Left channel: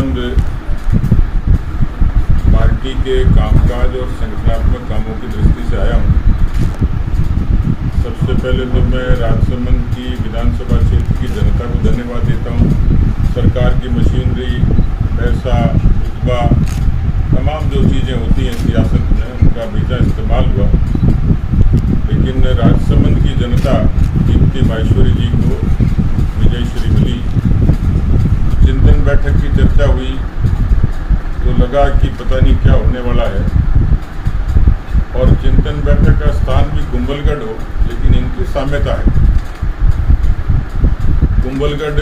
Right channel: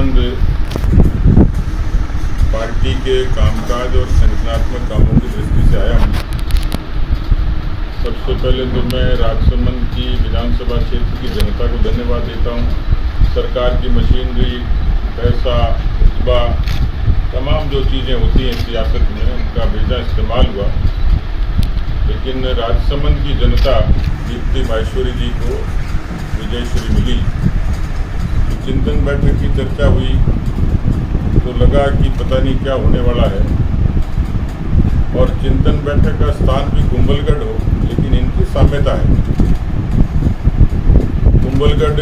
संबंध पार्टी के कामकाज और संगठनात्मक कामों की दृष्टि से आया हूँ। सबसे पहले तो मैं राजसमंद की विधानसभा क्षेत्र की जनता को धन्यवाद देता हूँ। सरकार की मशीनरी, पैसा, रुतबा, तमाम जो चीज़ें होती हैं सियासत में, उनका बेजा इस्तेमाल हुआ। लेकिन राजसमंद की जनता दीप्ति माहेश्वरी जी को विजयश्री मिली। चिंतन बैठक की चर्चा हुई तो लगा कि पता नहीं क्या होने वाला है, और चिंतन बैठक का स्थान भी कुंभलगढ़ हो, लेकिन इनकी साम्यता है। कुंभलगढ़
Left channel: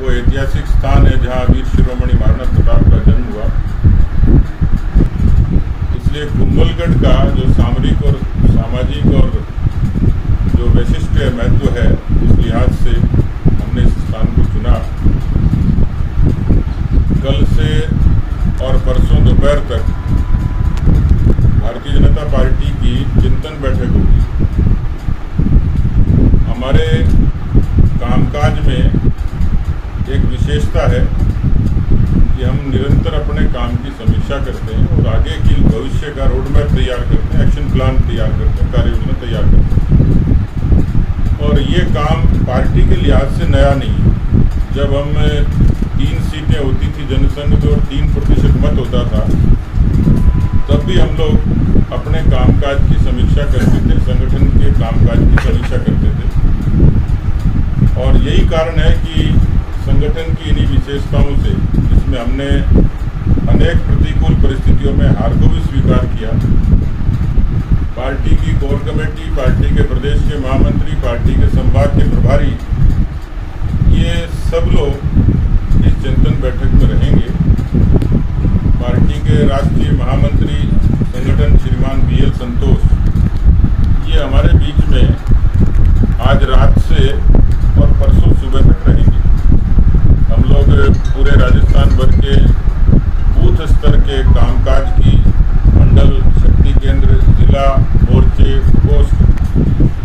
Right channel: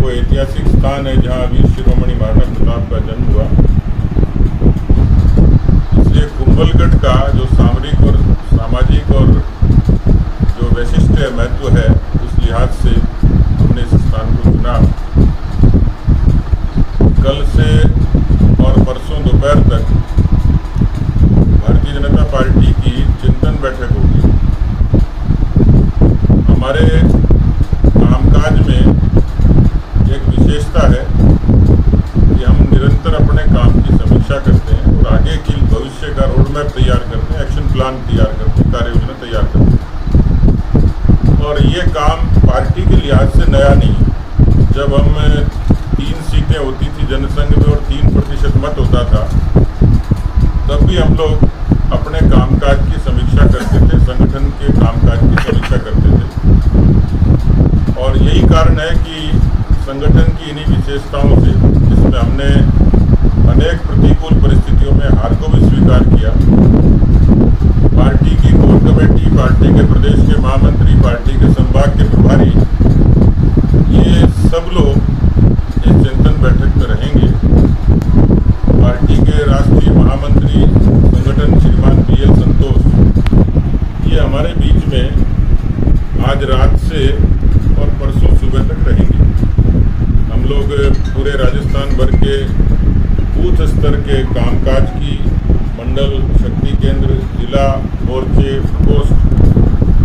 वो ऐतिहासिक स्थान है जहाँ वीर शिरोमणि महाराणा प्रताप का जन्म हुआ, इसलिए कुंभलगढ़ का जो सामरिक और सामाजिक और जो वैशिष्ट महत्व है, उस लिहाज से हमने इस स्थान को चुना। कल से और परसों दोपहर तक भारतीय जनता पार्टी की चिंतन बैठक होगी। हमारे कामकाज में एक विशेषता है कि हम निरंतर अपने काम की समीक्षा करते हैं और आगे की भविष्य का रोड मैप तैयार करते हैं, एक्शन प्लान तैयार करते हैं, कार्य योजना तैयार करते हैं। और ये काम पार्टी के लिहाज से नया नहीं है। जब हम 3 सीटें होती थी जनसंघ में और 3% मत होता था, तब भी हम लोग अपने कामकाज की समीक्षा करते थे, संगठन के कामकाज की समीक्षा करते थे। और यही कारण है कि संगठन की इन्हीं विशेषताओं से, जिसमें हमने अनेक प्रतिकूल परिस्थितियों में हार को भी स्वीकार किया, पार्टी की कोर कमेटी, पार्टी के प्रदेश के महामंत्री, पार्टी के संभाग के प्रभारी, ये सब लोग इस चिंतन बैठक में रहेंगे। पार्टी के राष्ट्रीय महामंत्री संगठन श्रीमान BL संतोष, ये हमारे बीच में आज रात से और परसों सुबह तक रहेंगे। हम लोग पूरे राजस्थान भर के बूथ स्तर के कामकाज की, मंडल, शक्ति केंद्र, जिला, मोर्चे, पोस्ट,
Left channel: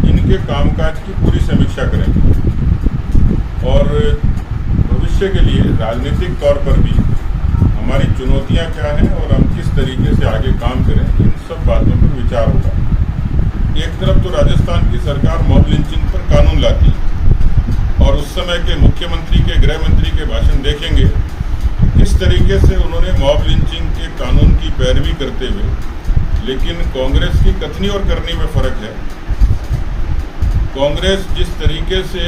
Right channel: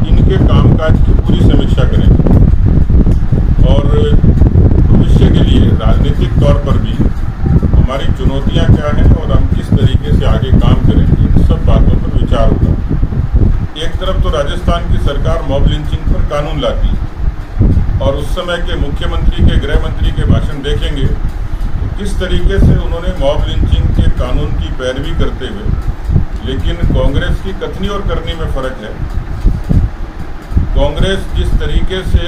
इनके कामकाज की पूरी समीक्षा करेंगे। और भविष्य के लिए राजनीतिक तौर पर भी हमारी चुनौतियां क्या हैं और हम किस तरीके से आगे काम करें, इन सब बातों पर विचार होगा। एक तरफ तो राजस्थान की सरकार मॉब लिंचिंग पर कानून लाती है, और उस समय के मुख्यमंत्री के, गृह मंत्री के भाषण देखेंगे तो किस तरीके से उन्होंने मॉब लिंचिंग के कानून की पैरवी करते हुए, लेकिन कांग्रेस की कथनी और करनी में फर्क है। कांग्रेस जिस तरीके से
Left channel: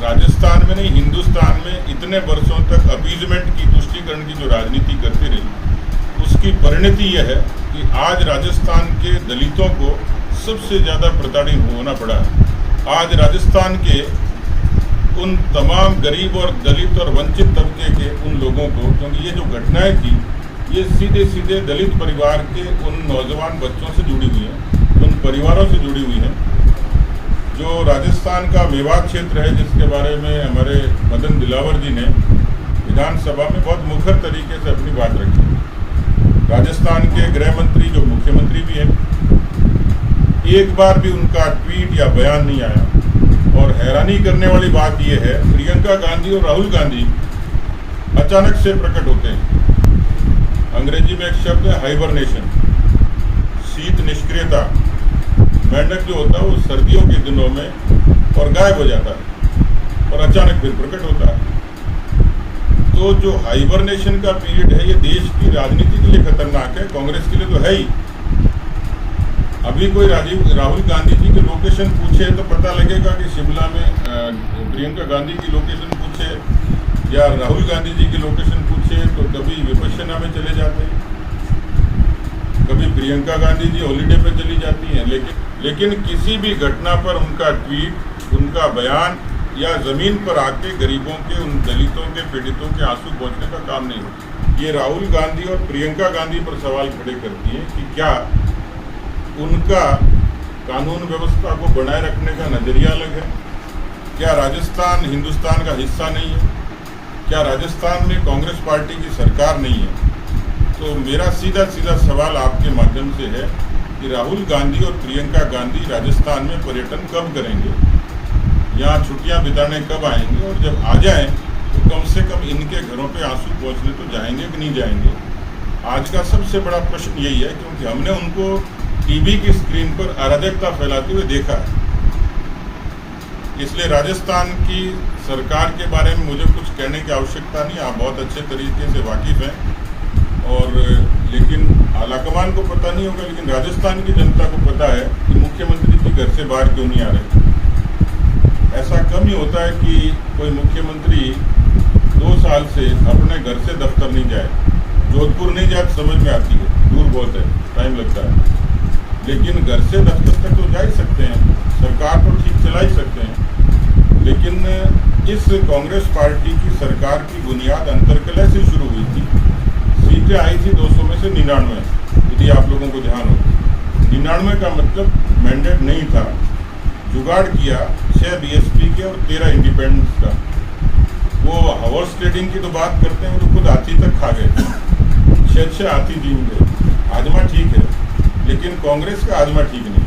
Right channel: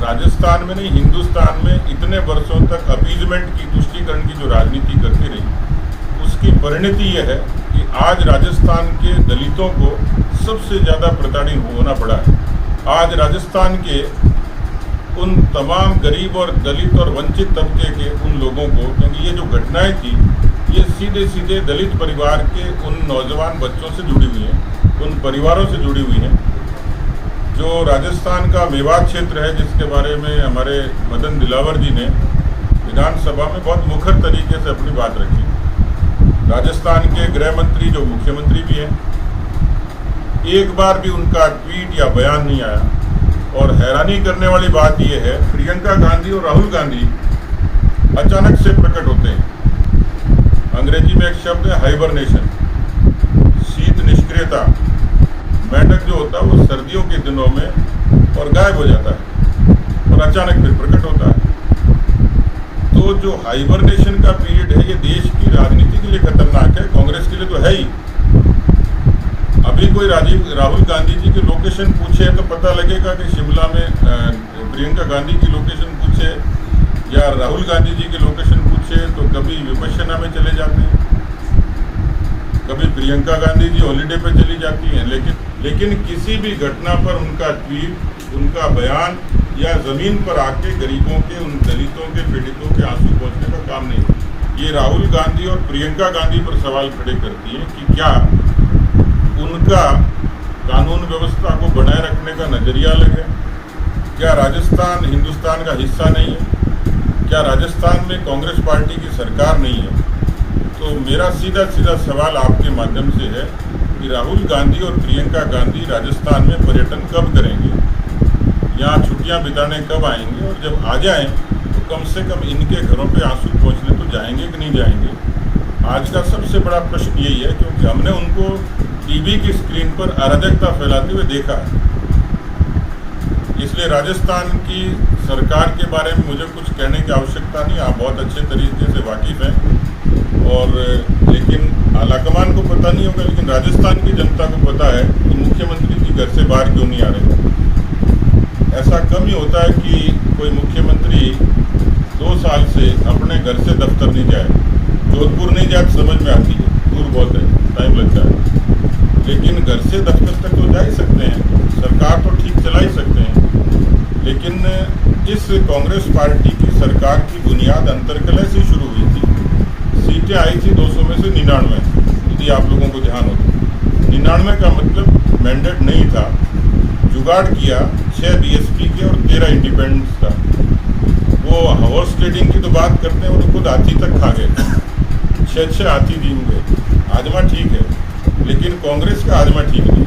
राजस्थान में नहीं, हिंदुस्तान में इतने वर्षों तक अपीजमेंट की, तुष्टीकरण की जो राजनीति करती रही, उसकी परिणति यह है कि आज राजस्थान के दलितों को सबसे ज़्यादा प्रताड़ित होना पड़ा है। आज राजस्थान के उन तमाम गरीब और दलित और वंचित तबके के उन लोगों को, क्योंकि ये जो घटनाएं थी, ये सीधे सीधे दलित परिवार के उन नौजवान बच्चों से जुड़ी हुई हैं, उन परिवारों से जुड़ी हुई हैं। जो राजस्थान का मेवात क्षेत्र है, जिसके बारे में हमारे मदन दिलावर जी ने विधानसभा में बहुत मुखर तरीके से अपनी बात रखी। राजस्थान के गृह मंत्री, जो मुख्यमंत्री भी हैं, एक बार भी उनका ट्वीट या बयान नहीं आया। और हैरानी करने वाली बात यह है, प्रियंका गांधी और राहुल गांधी अचानक से प्रकट होते हैं। अंग्रेजी में एक शब्द है हाइबरनेशन, शीत निष्क्रियता। मेंढक जो होता है वो सर्दियों के दिनों में और गायब हो जाता है और अचानक फिर प्रकट होता है। तो जो हाइबरनेशन का पीरियड है, ये देश की राजनीति के लिए खतरनाक है, कांग्रेस के लिए तो है ही। अभी कोई राहुल गांधी जी की लोकेशन पूछे तो पता लगेगा कि शिमला में प्रियंका गांधी की लोकेशन पूछे या राहुल गांधी जी की लोकेशन पूछे तो कभी विपश्यना में चले जाते हैं, कभी प्रियंका गांधी जी हॉलीडे पे चली जाती हैं। लेकिन किसी भी घटना पर उनका ट्वीट, उनका बयान या ज़मीन पर आके गरीबों के, उन दलितों के, पीड़ितों के आंसू पहुँचने का काम नहीं है। ये राहुल गांधी और प्रियंका गांधी पर सवाल खड़े करती है कि क्या उनका कानून व्यवस्था को बनाए रखने का नज़रिया अलग है? क्या राजस्थान हिंदुस्तान का हिस्सा नहीं है? क्या राजस्थान में कांग्रेस पार्टी की सरकार नहीं है? तो मेरा सीधा सवाल आपके माध्यम से है कि राहुल गांधी और प्रियंका गांधी राजस्थान में पर्यटन कब करेंगे, यहाँ छुट्टियाँ बिताने कब आएंगे, और जब आ जाएं तो कम से कम इनके घरों पे आंसू पहुंचने तो जाएंगे कि नहीं जाएंगे। आज का सबसे बड़ा प्रश्न यही है, क्योंकि हमने उनको टीवी की स्क्रीन पर अराजकता फैलाते हुए देखा है। इसलिए राजस्थान की सरकार के बारे में मुझे कुछ कहने की आवश्यकता नहीं, आप बहुत अच्छे तरीके से वाकिफ़ हैं। और लेकिन आलाकमान को पता नहीं होगा, लेकिन राजस्थान की जनता को पता है कि मुख्यमंत्री जी घर से बाहर क्यों नहीं आ रहे। ऐसा कम ही होता है कि कोई मुख्यमंत्री 2 साल से अपने घर से दफ्तर नहीं जाए। जोधपुर नहीं जाए तो समझ में आती है, दूर बहुत है, टाइम लगता है, लेकिन घर से दफ्तर तक तो जा ही सकते हैं, सरकार तो ठीक चला ही सकते हैं। लेकिन इस कांग्रेस पार्टी की सरकार की बुनियाद अंतरकलह से शुरू हुई थी। सीटें आई थी 200 में से 99, यदि आप लोगों को ध्यान हो। 99 का मतलब मैंडेट नहीं था, जुगाड़ किया 6 बीएसपी के और 13 इंडिपेंडेंस का। वो हॉर्स ट्रेडिंग की तो बात करते हैं, वो तो खुद हाथी तक खा गए, 6 हाथी दीन गए। आजमा ठीक है, लेकिन कांग्रेस का आजमा ठीक नहीं।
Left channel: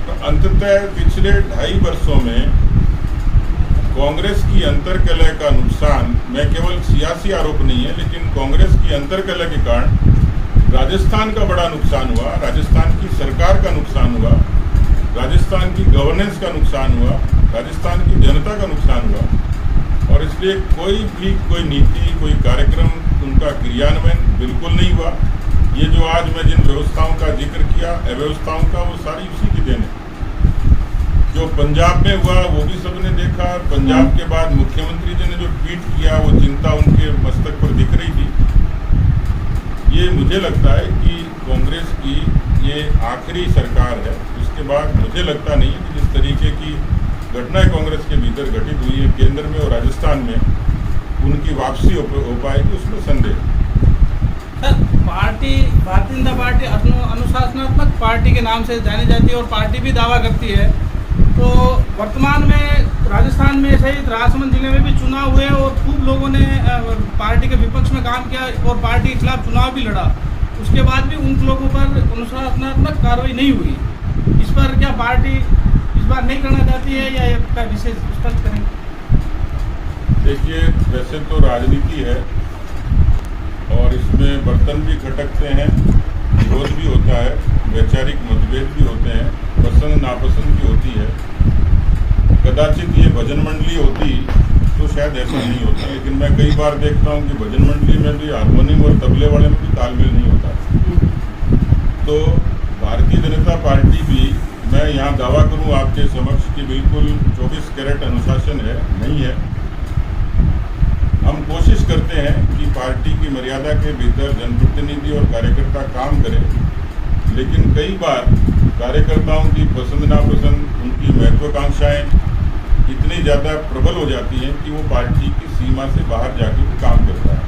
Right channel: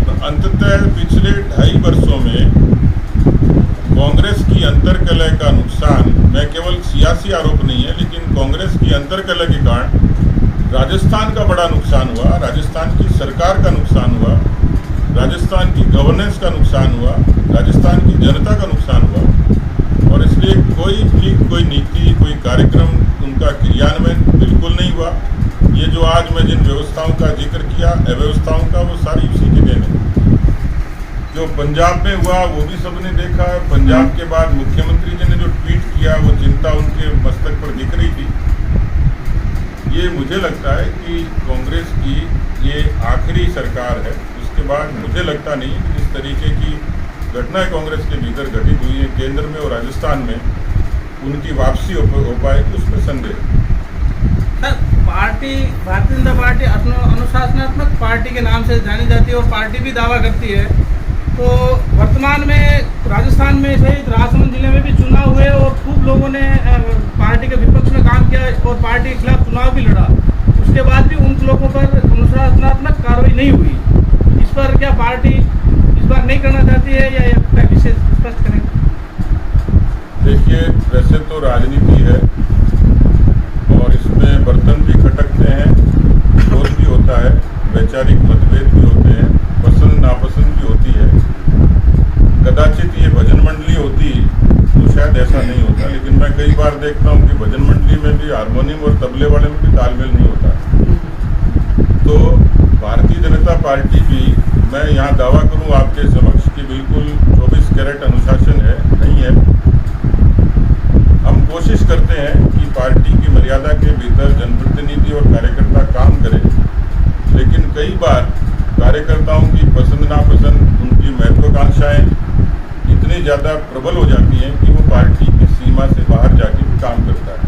तो अंततः पिछले 2.5 वर्षों में कांग्रेस की अंतरकलह का नुकसान, मैं केवल सियासी आरोप नहीं है, लेकिन कांग्रेस की अंतरकलह के कारण राजस्थान का बड़ा नुकसान हुआ, राजस्थान की सरकार का नुकसान हुआ, राजस्थान की गवर्नेंस का नुकसान हुआ, राजस्थान की जनता का नुकसान हुआ। और इसलिए कोई नीति, कोई कार्यक्रम, उनका क्रियान्वयन बिल्कुल नहीं हुआ। ये जो आज मैं जिन व्यवस्थाओं का जिक्र किया, अव्यवस्थाओं का, वो सारी उसी की देन है। जो पंजाब में हुआ वो भी सबने देखा। पंजाब के बाद मुख्यमंत्री जी ने जो ट्वीट किया, वो चिंता उनके मस्तक पर दिख रही थी। ये मुझे लगता है कि कांग्रेस की ये आखिरी सरकार है। उसके बाद मुझे लगता नहीं कि जिस तरीके की घटनाएं कांग्रेस के भीतर घटित हुई है केंद्र में और राजस्थान में, उनकी वापसी हो पाएगी, उसमें संदेह। भारतीय जनता पार्टी अनुशासनात्मक पार्टी के नाम से जानी जाती है और पार्टी भी दावा करती है। तो वर्तमान में राजस्थान में सहित राजसमंद जिले में भी चुनाव हुए और खूब लोगों ने पार्टी के विपक्ष में काम किया और पार्टी के खिलाफ चुनाव भी लड़ा। उसके बाद भी उन लोगों पर अनुशासनात्मक कार्रवाई नहीं हुई। इस पर क्या पार्टी इस बार नहीं करना चाहती है या विशेष स्पष्ट करें? देखिए, वैसे तो राजनीति है और इसमें बर्तन भी खटकते हैं, विरोध भी होता है, वैचारिक मतभेद भी होते हैं, पसंद नापसंद भी होती है। कदाचित ये भजन मंडली होती तो शायद ऐसा नहीं होता, लेकिन मैं कई बार देखता हूँ कि भजन मंडली में भी हारमोनियम और तबले वाले में भी तालमेल नहीं होता। तो भारतीय जनता पार्टी भी, मैं यहाँ दावा करूँ आपके समक्ष कि बिल्कुल 24 कैरेट अनुशासन है, नहीं है। हम कोशिश करते हैं कि पार्टी की मर्यादा के भीतर जनप्रतिनिधि और कार्यकर्ता काम करें, लेकिन कई बार कार्यकर्ताओं की पसंद नापसंद, उनकी महत्वाकांक्षाएं इतनी ज़्यादा प्रबल हो जाती हैं कि वो पार्टी की सीमा से बाहर जाके भी काम करता है।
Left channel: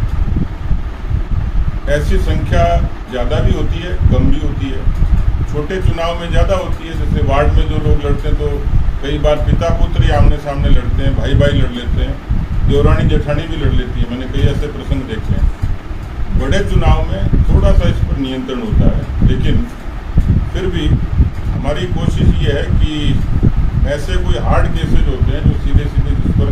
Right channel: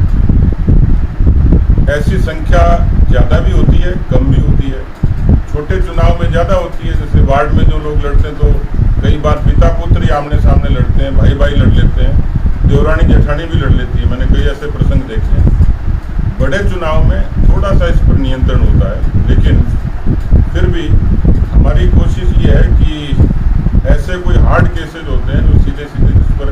ऐसी संख्या ज़्यादा भी होती है, कम भी होती है। छोटे चुनाव में ज़्यादा होती है, जैसे वार्ड में जो लोग लड़ते हैं तो कई बार पिता पुत्र ही आमने सामने लड़ते हैं, भाई भाई लड़ लेते हैं, देवरानी जेठानी भी लड़ लेती है। मैंने कई ऐसे प्रसंग देखे हैं। बड़े चुनाव में थोड़ा सा इस पर नियंत्रण होता है, लेकिन फिर भी हमारी कोशिश ये है कि ऐसे कोई हार्ड केसेज होते हैं जो सीधे सीधे जिस पर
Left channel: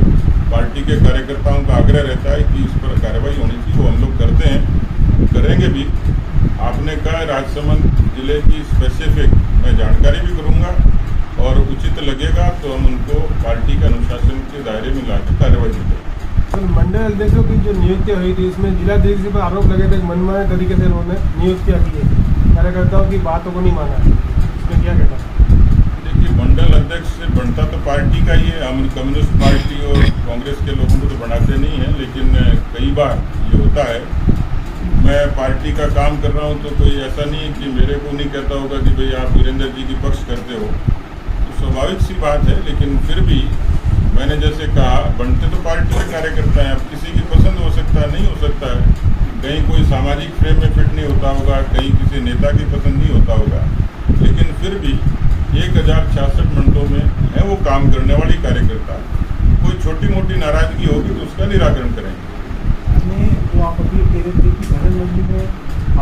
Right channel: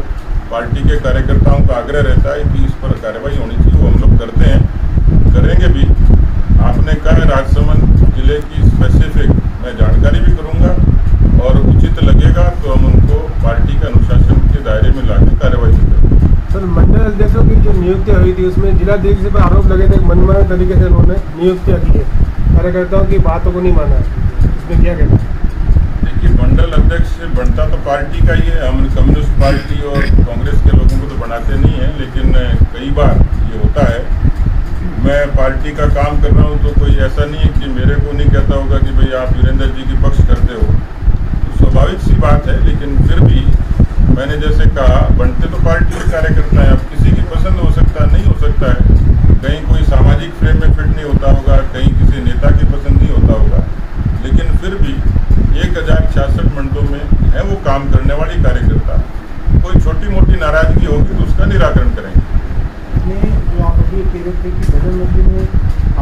पार्टी के कार्यकर्ताओं का आग्रह रहता है कि इस पर कार्रवाई होनी चाहिए, वो हम लोग करते हैं, करेंगे भी। आपने कहा राजसमंद जिले की स्पेसिफिक मैं जानकारी भी करूंगा और उचित लगेगा तो हम उनको पार्टी के अनुशासन के दायरे में लाकर कार्रवाई करेंगे। सर, मंडल अध्यक्षों की जो नियुक्ति हुई थी उसमें जिलाधीश पर आरोप लगे थे, मनमाने तरीके से उन्होंने नियुक्तियाँ की है, कार्यकर्ताओं की बातों को नहीं माना है, इस पर क्या कहना है? देखिए, मंडल अध्यक्ष बनता तो पार्टी का ही है। हम कम्युनिस्ट पार्टी और कांग्रेस के लोगों को तो बनाते नहीं हैं, लेकिन कई बार ये होता है। मैं पार्टी का काम कर रहा हूँ तो कोई ऐसा नहीं है कि मेरे को नहीं कहता होगा कि भाई आप वीरेंद्र जी की पक्ष करते हो, तो स्वाभाविक सी बात है। लेकिन फिर भी मैंने जैसे कहा, बनते तो पार्टी के कार्यकर्ता हैं। अब किसी की पसंद हो सकता है, नहीं हो सकता है, कहीं कोई सामाजिक फ्रेम में फिट नहीं होता होगा, कहीं किसी नेता की पसंद नहीं होता होगा, लेकिन फिर भी 1066 मंडलों में है वो काम करने वाली कार्यकर्ता। कोई छोटी मोटी नाराजगी होगी तो उसका निराकरण करेंगे। वो आप अभी कह रहे थे कि भजन मंडली में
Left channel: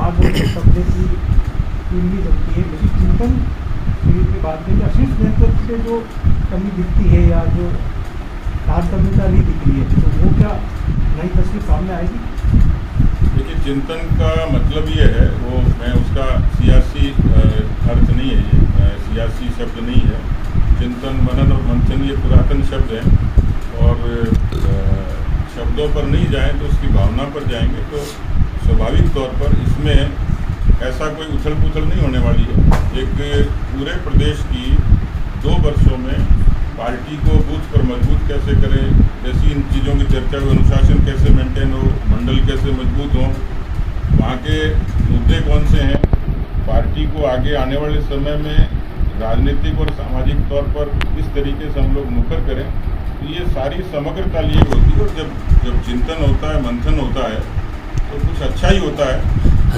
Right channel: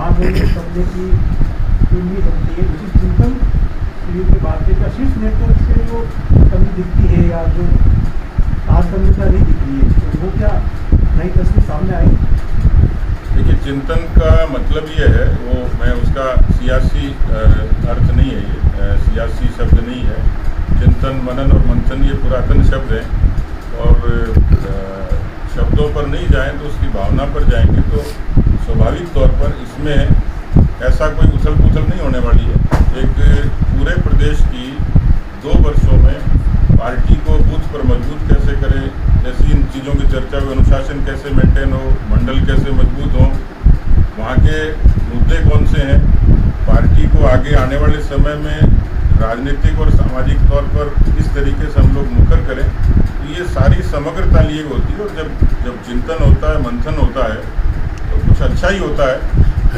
आप शब्दों की नहीं बनती है, उसी चिंतन की बात है, शीर्ष नेतृत्व से जो कमी दिखती है या जो आत्मनिर्भरता नहीं दिख रही है, तो वो क्या नई तस्वीर सामने आएगी? देखिए, चिंतन का मतलब ये है, वो मैं उसका सियासी अर्थ नहीं है, ये सियासी शब्द नहीं है। चिंतन, मनन और मंथन ये पुरातन शब्द हैं और शब्दों पर नहीं जाएं तो उसकी भावना पर जाएंगे तो स्वाभाविक तौर पर इसमें ऐसा कोई उथल पुथल नहीं होने वाली है। एक पूरे प्रदेश की 2 वर्षों में पार्टी को बूथ पर मजबूत कैसे करें, ऐसी इन चीज़ों की चर्चा हुई, अनुशासन कैसे मेंटेन हो, मंडल कैसे मजबूत हो, वहाँ के मुद्दे कौन से हैं, पार्टी को आगे आने वाले समय में राजनीतिक और सामाजिक तौर पर किस तरीके से हम लोग मुखर करें, ये सारी समग्रता लिए होती है। और जब चिंतन होता है, मंथन होता है, तो कुछ अच्छा ही होता है।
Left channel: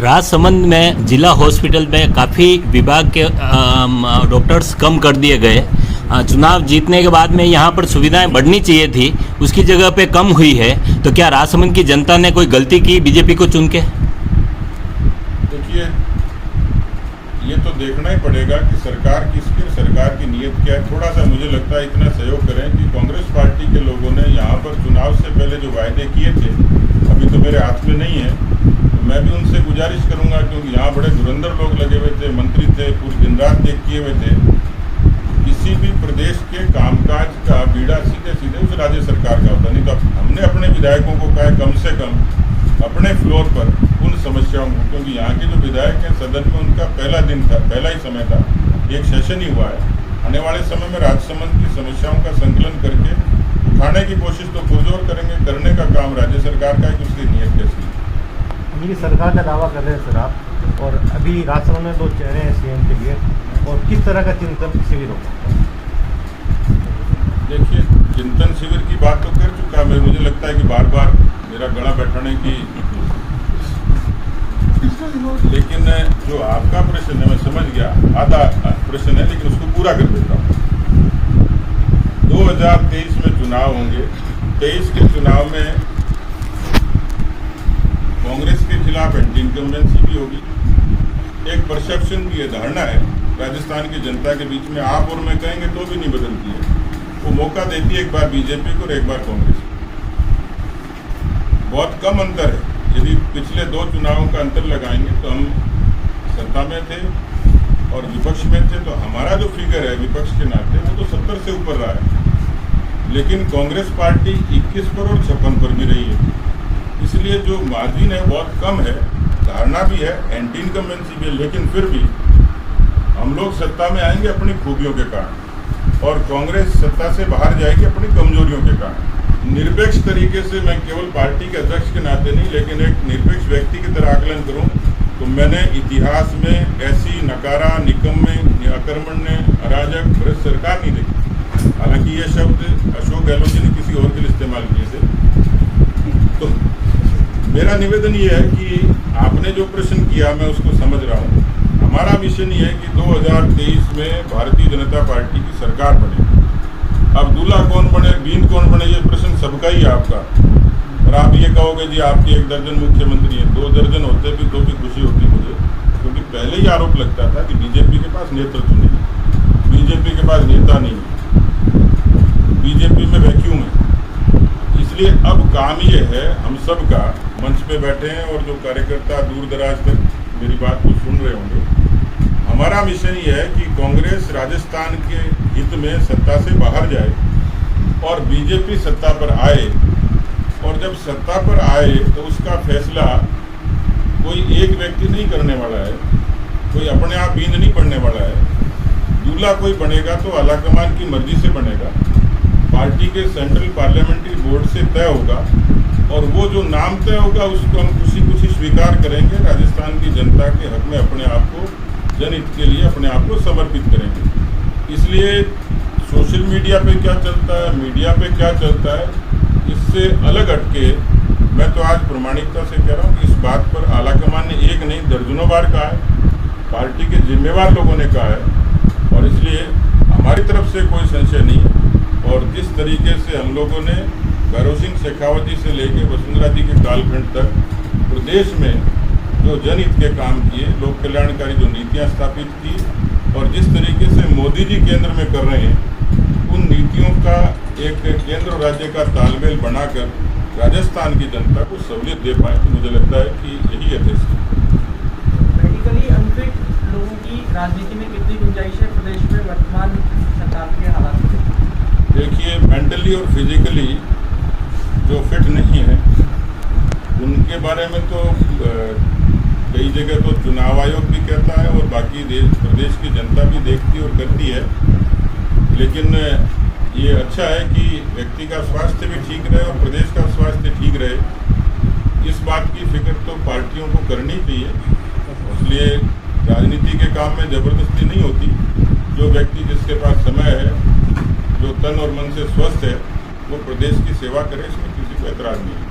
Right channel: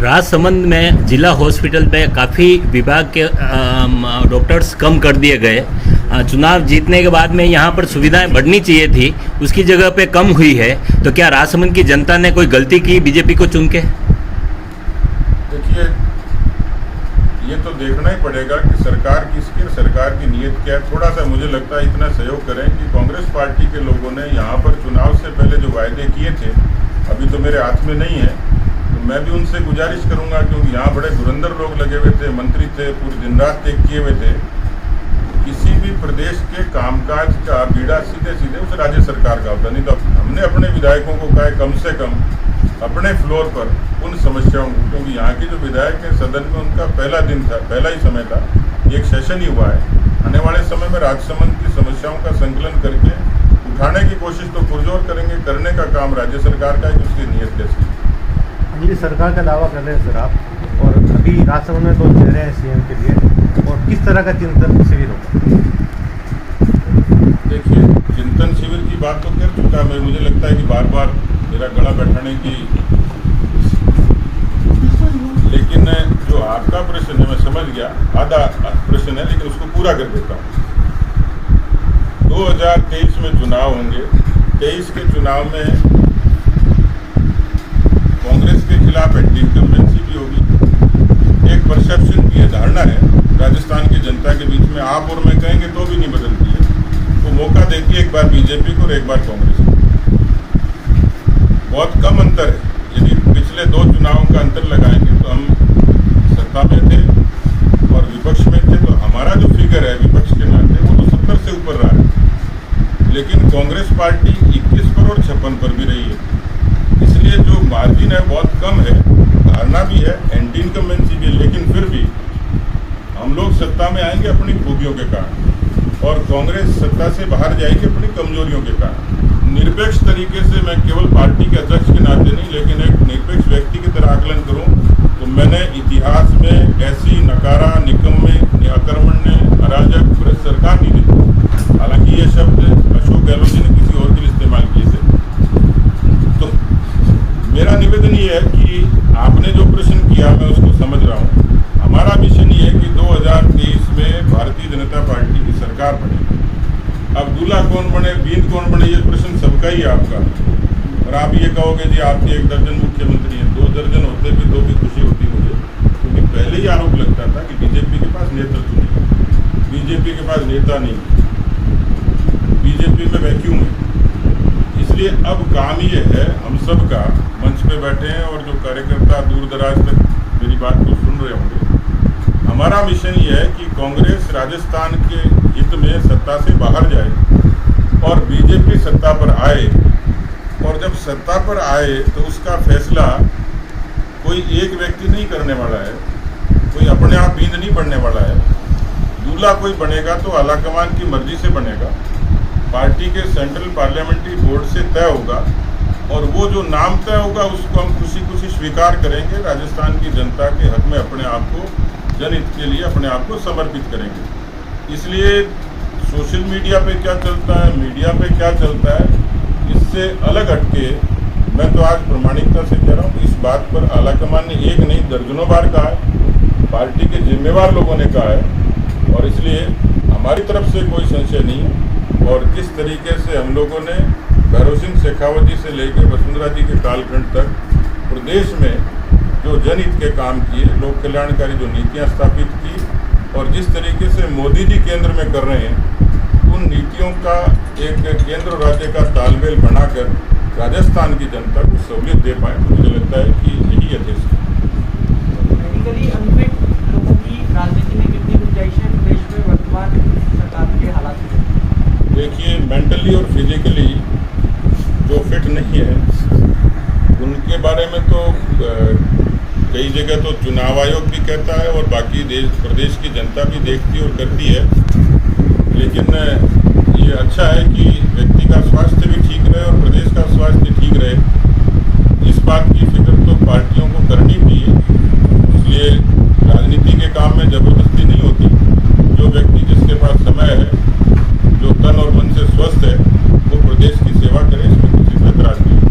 राजसमंद में जिला हॉस्पिटल में काफ़ी विभाग के डॉक्टर्स कम कर दिए गए। चुनाव जीतने के बाद में यहाँ पर सुविधाएं बढ़नी चाहिए थी, उसकी जगह पे कम हुई है। तो क्या राजसमंद की जनता ने कोई गलती की बीजेपी को चुन के? देखिए, ये तो देखना ही पड़ेगा कि सरकार किसकी, सरकार की नीयत क्या है। थोड़ा सा मुझे लगता है इतना सहयोग करें कि कांग्रेस पार्टी के लोगों ने यहाँ पर चुनाव से पहले जो वायदे किए थे, अभी तो मेरे हाथ में नहीं है, तो मैं भी उनसे गुजारिश करूँगा, क्योंकि यहाँ बड़े धुरंधर लोग लगे हुए थे, मंत्री थे, पूरी दिन रात एक किए हुए थे। किसी भी प्रदेश के कामकाज का बीड़ा सीधे सीधे उस राज्य सरकार का होता, नहीं तो हमने अपने विधायकों को कहा कम से कम अपने फ्लोर पर उन समस्याओं को, क्योंकि यहाँ के जो विधायक हैं सदन में उनका पहला दिन था, पहला ही समय था, एक सेशन ही हुआ है। आने वाले समय में राजसमंद की समस्याओं का संकलन करके उठाने की कोशिश तो पुरजोर करेंगे। करने का काम राज्य सरकार का है कि उसकी नीयत कैसी है। मेरी सरकार का दावा कर रहे हैं सर आप, और अभी राजसमंद में 2 चेहरे हैं सीएम के लिए, और किस तरह का चिंतन शिविर होगा? देखिए, चिंतन शिविर की बात तो कर चुका मैं, मुझे लगता है कि बार बार मेरा गला बैठाने की, लेकिन जो आपका प्रश्न है मैं समझ गया, आधा प्रश्न है लेकिन उसको पूरा कर देता हूँ। 2023 में चुनाव होंगे। 23 के चुनाव में कांग्रेस के खिलाफ एंटी इनकम्बेंसी भी होगी। एक परसेप्शन की धारणा है राजस्थान की जनता के बीच में, आप और मैं कहेंगे तो भी नहीं बदलती है। वो मौका देती है एक बार बीजेपी को और एक बार कांग्रेस को। बहुत कम अंतर है। यदि पिछले 2 चुनावों का अंतर लगाएंगे तो हम सत्ता में थे और विपक्ष में थे, तो हमारा जो फिगर है विपक्ष के नाते वो तो 70 से ऊपर रहा है। लेकिन कांग्रेस पार्टी 21 पर और 56 पर भी रही है। इसलिए जो मार्जिन है बहुत कम है, धारणा भी है, एंटी इनकम्बेंसी भी है, लेकिन फिर भी हम लोग सत्ता में आएंगे अपनी खूबियों के कारण और कांग्रेस सत्ता से बाहर जाएगी अपनी कमजोरियों के कारण। निरपेक्ष तरीके से मैं केवल पार्टी के अध्यक्ष के नाते नहीं, लेकिन एक निरपेक्ष व्यक्ति की तरह आकलन करूं तो मैंने इतिहास में ऐसी नकारा, निकम्मे, अकर्मण्य, अराजक भ्रष्ट सरकार नहीं देखी। हालांकि ये शब्द अशोक गहलोत जी ने किसी और के लिए इस्तेमाल किए थे। तो मेरा निवेदन ये है कि आपने जो प्रश्न किया मैं उसको समझ रहा हूँ। हमारा मिशन ये है कि 2023 में भारतीय जनता पार्टी की सरकार बने। अब दूल्हा कौन बने, बींद कौन बने, ये प्रश्न सबका ही है आपका। और आप ये कहोगे जी आपके 1 दर्जन मुख्यमंत्री हैं, 2 दर्जन होते भी तो भी खुशी होती मुझे, क्योंकि पहले ही आरोप लगता था कि बीजेपी के पास नेतृत्व नहीं है, बीजेपी के पास नेता नहीं है, बीजेपी में वैक्यूम है। इसलिए अब काम ये है, हम सब का मंच पे बैठे हैं और जो कार्यकर्ता दूर दराज तक मेरी बात को सुन रहे होंगे, हमारा मिशन ये है कि कांग्रेस राजस्थान के हित में सत्ता से बाहर जाए और बीजेपी सत्ता पर आए। और जब सत्ता पर आए तो उसका फैसला कोई एक व्यक्ति नहीं करने वाला है, कोई अपने आप बींद नहीं बनने वाला है। दूल्हा कोई बनेगा तो आलाकमान की मर्जी से बनेगा, पार्टी के सेंट्रल पार्लियामेंट्री बोर्ड से तय होगा और वो जो नाम तय होगा उसको हम खुशी खुशी स्वीकार करेंगे। राजस्थान की जनता के हक में अपने आप को, जनहित के लिए अपने आप को समर्पित करेंगे। इसलिए सोशल मीडिया पे क्या चलता है, मीडिया पे क्या चलता है, इससे अलग हटके मैं तो आज प्रामाणिकता से कह रहा हूँ कि इस बात पर आलाकमान ने एक नहीं दर्जनों बार कहा है, पार्टी के जिम्मेवार लोगों ने कहा है और इसलिए हमारी तरफ से कोई संशय नहीं है। और जिस तरीके से हम लोगों ने भैरव सिंह शेखावत जी से लेकर वसुंधरा जी के कालखंड तक प्रदेश में जो जनहित के काम किए, लोक कल्याणकारी जो नीतियाँ स्थापित की और जिस तरीके से मोदी जी केंद्र में कर रहे हैं, उन नीतियों का एक केंद्र और राज्य का तालमेल बनाकर राजस्थान की जनता को सहूलियत दे पाए, तो मुझे लगता है कि यही यथेष्ट है। मेडिकली अनफिट लोगों की राजनीति में कितनी गुंजाइश है प्रदेश में वर्तमान सरकार के हालात में? देखिए, मेंटली और फिजिकली जो फिट नहीं है उनके बारे में तो कई जगह तो चुनाव आयोग भी कहता है और बाकी प्रदेश की जनता भी देखती और करती है, लेकिन ये अच्छा है कि व्यक्ति का स्वास्थ्य भी ठीक रहे और प्रदेश का स्वास्थ्य ठीक रहे। इस बात की फिक्र तो पार्टियों को करनी चाहिए, इसलिए राजनीति के काम में जबरदस्ती नहीं होती। जो व्यक्ति जिसके पास समय है, जो तन और मन से स्वस्थ है, वो प्रदेश की सेवा करे, इसमें किसी को ऐतराज नहीं है।